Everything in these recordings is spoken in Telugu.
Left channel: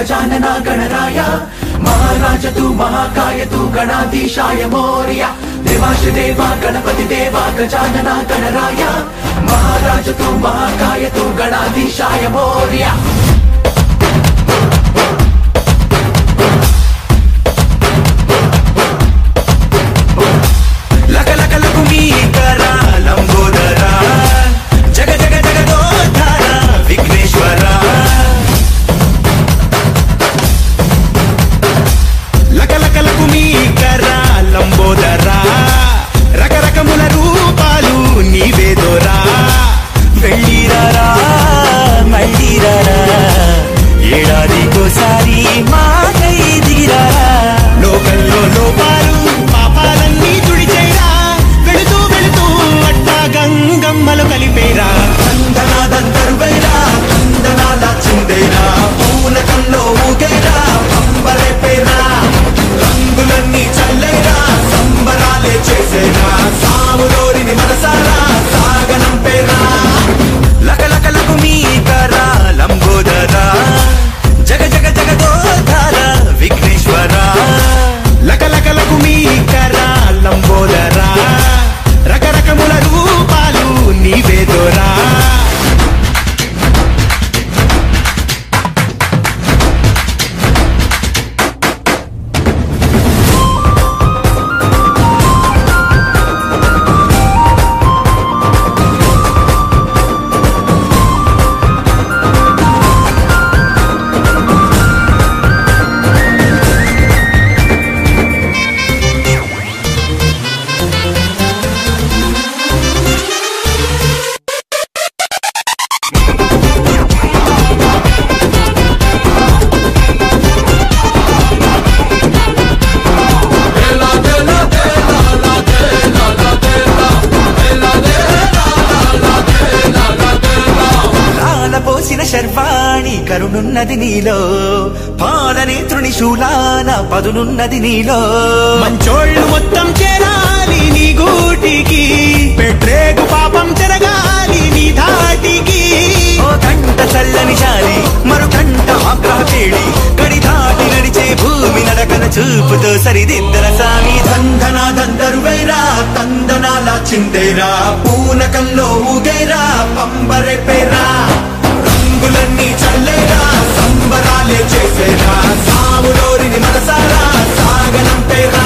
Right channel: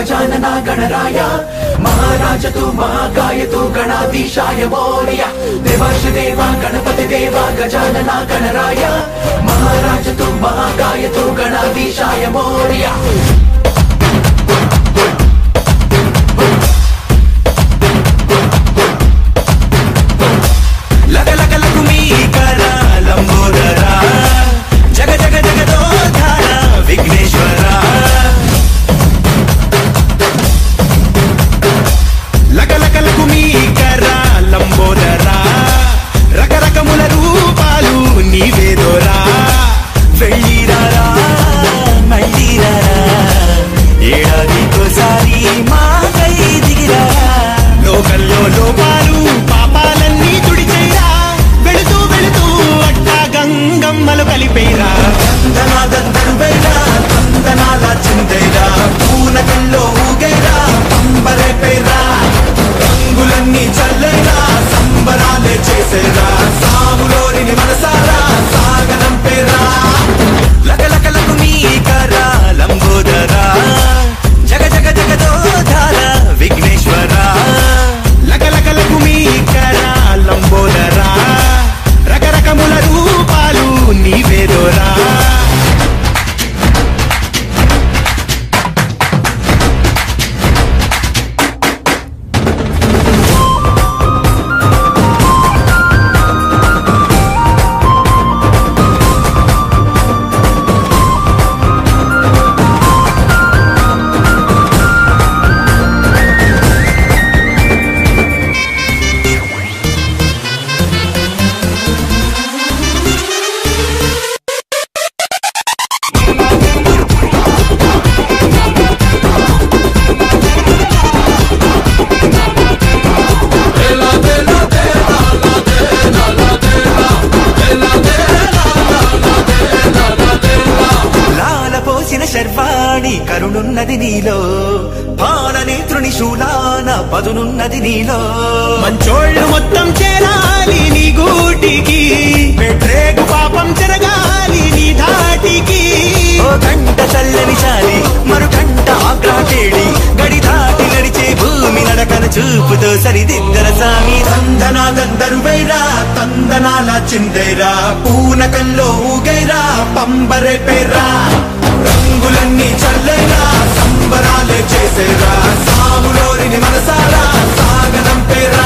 गजानन गणराय महाराज तू महाकाय तू गणाधीशाय मोरया देवाश देवा गणपति देवा गजानन गणराय महाराज तू महाकाय तू गणाधीशाय मोरया కరుణున్నది నీలో పాడని త్రిశూలాన పదునున్నది నీలో మంచోళ్ళు మొత్తం చేరాలి నీ గూటికి పెట్టేగు పాపం తిరగాలి నీ ధాటికి ఓ కంట చల్లని చాలి మరు కంట ఆగ్రహ వేడి గడి దాటి నడిచే భూమి నడకన చూపుతో సరిదిద్దర సామి దందనా దందరువైరా తందనాల చిందేరా పూనకంలో ఊగేరా పంబరే పేరా రంగులన్నీ చల్లేరా సంబరాలే చేసేరా సాములోరిని మనసారా సాగనంపేరా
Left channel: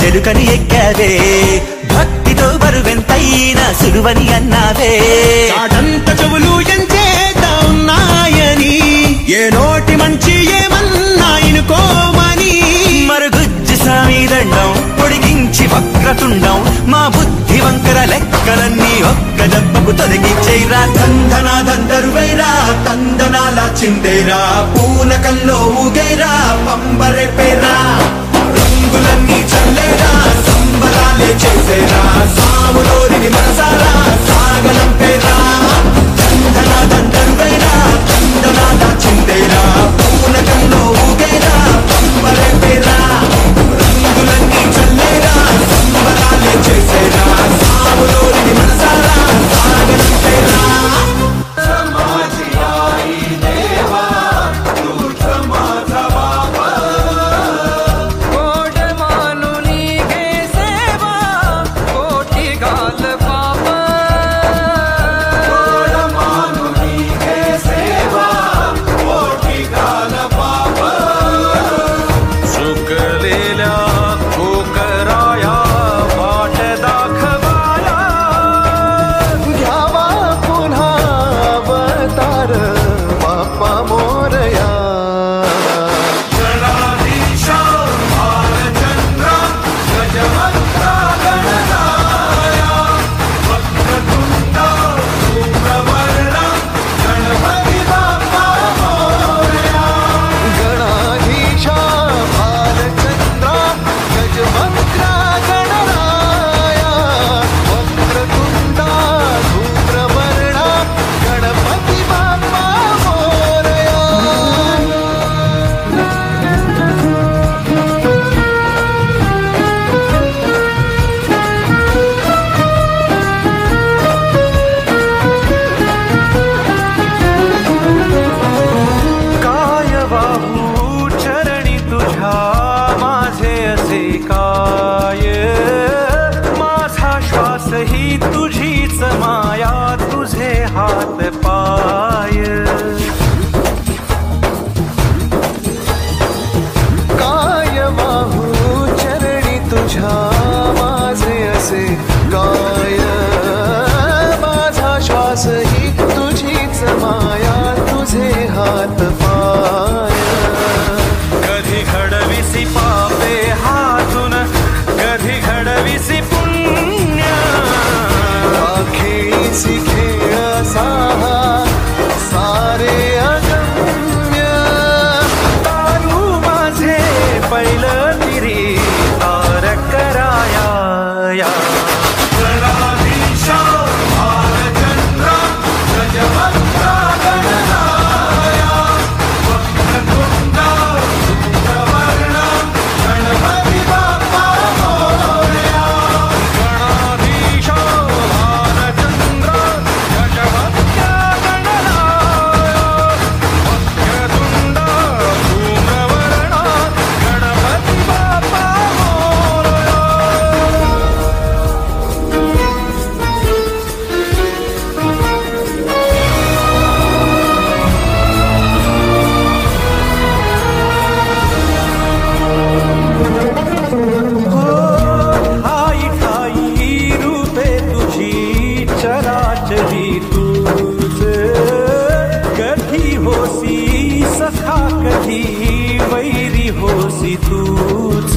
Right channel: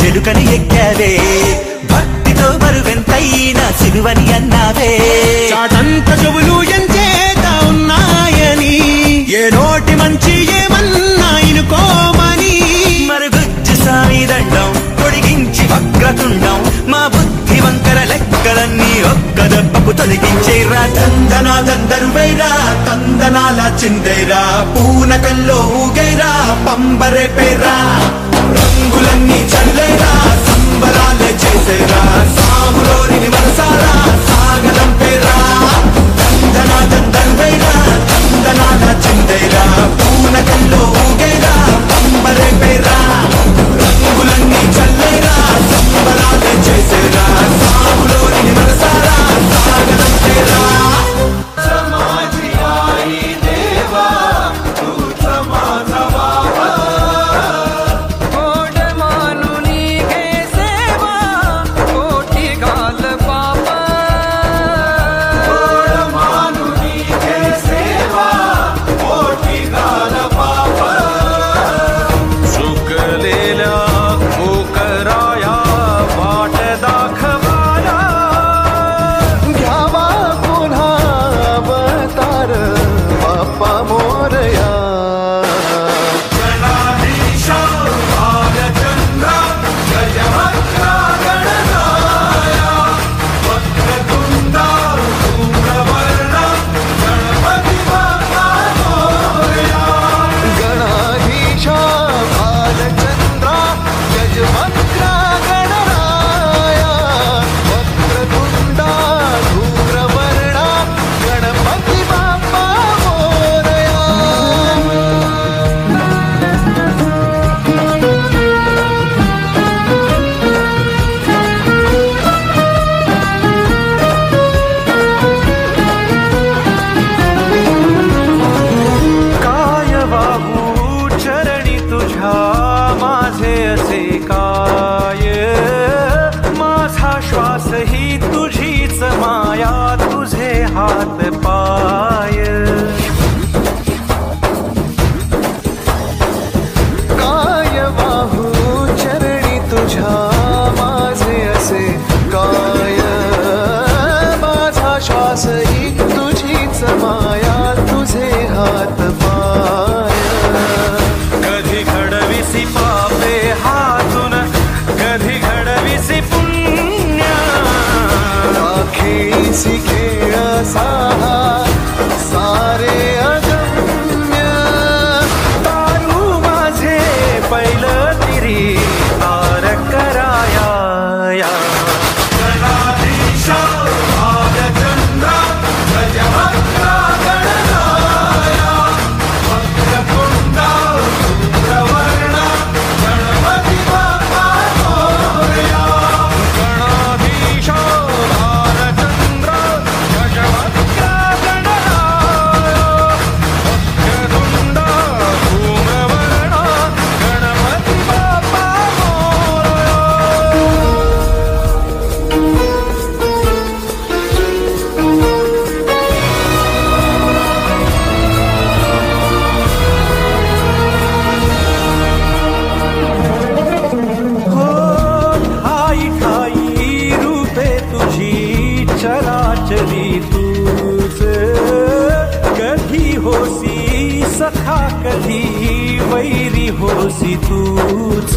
చెలుకని ఎక్కావే భక్తితో బరువెంతైనా సులువని అన్నావే చాటంత చెవులు ఎంచేదా ఉన్నాయని ఏ నోటి మంచి ఏమన్నా ఇనుకోమని మరుగుజ్జు సామి దండం పొడిగించి వక్రతుండం మా బుద్ధి వంకర లెక్కలన్నీ ఒక్క దెబ్బకు తొలగించేరా తందనా దందరువైరా తందనాల చిందేరా పూనకంలో ఊగేరా పంబరే పేరా రంగులన్నీ చల్లేరా సంబరాలే చేసేరా సాములోరిని మనసారా సాగనంపేరా దందనా దందరువైరా తందనాల చిందేరా పూనకంలో ఊగేరా పంబరే పేరా రంగులన్నీ చల్లేరా సంబరాలే చేసేరా సాములోరిని మనసారా సాగనంపేరా कराया वाट दाखवाया घ्यावा पुन्हा अवतार बाप्पा मोरया असे काय माझा श्वास ही तुझीच माया तुझे हात पाय काय वाहू चरणी तुझ्या माझे असे काय माझा श्वास ही तुझीच माया तुझे हात पाय कधी घडविसी पापे हातून कधी घडविसी पुण्य खेळीसी खेळ साहा सारे अगम्य तारू माझे पहिलं तिरी तार कराया या चराचरी तूच कधी होसी सखा कधी वैरी होसी तूच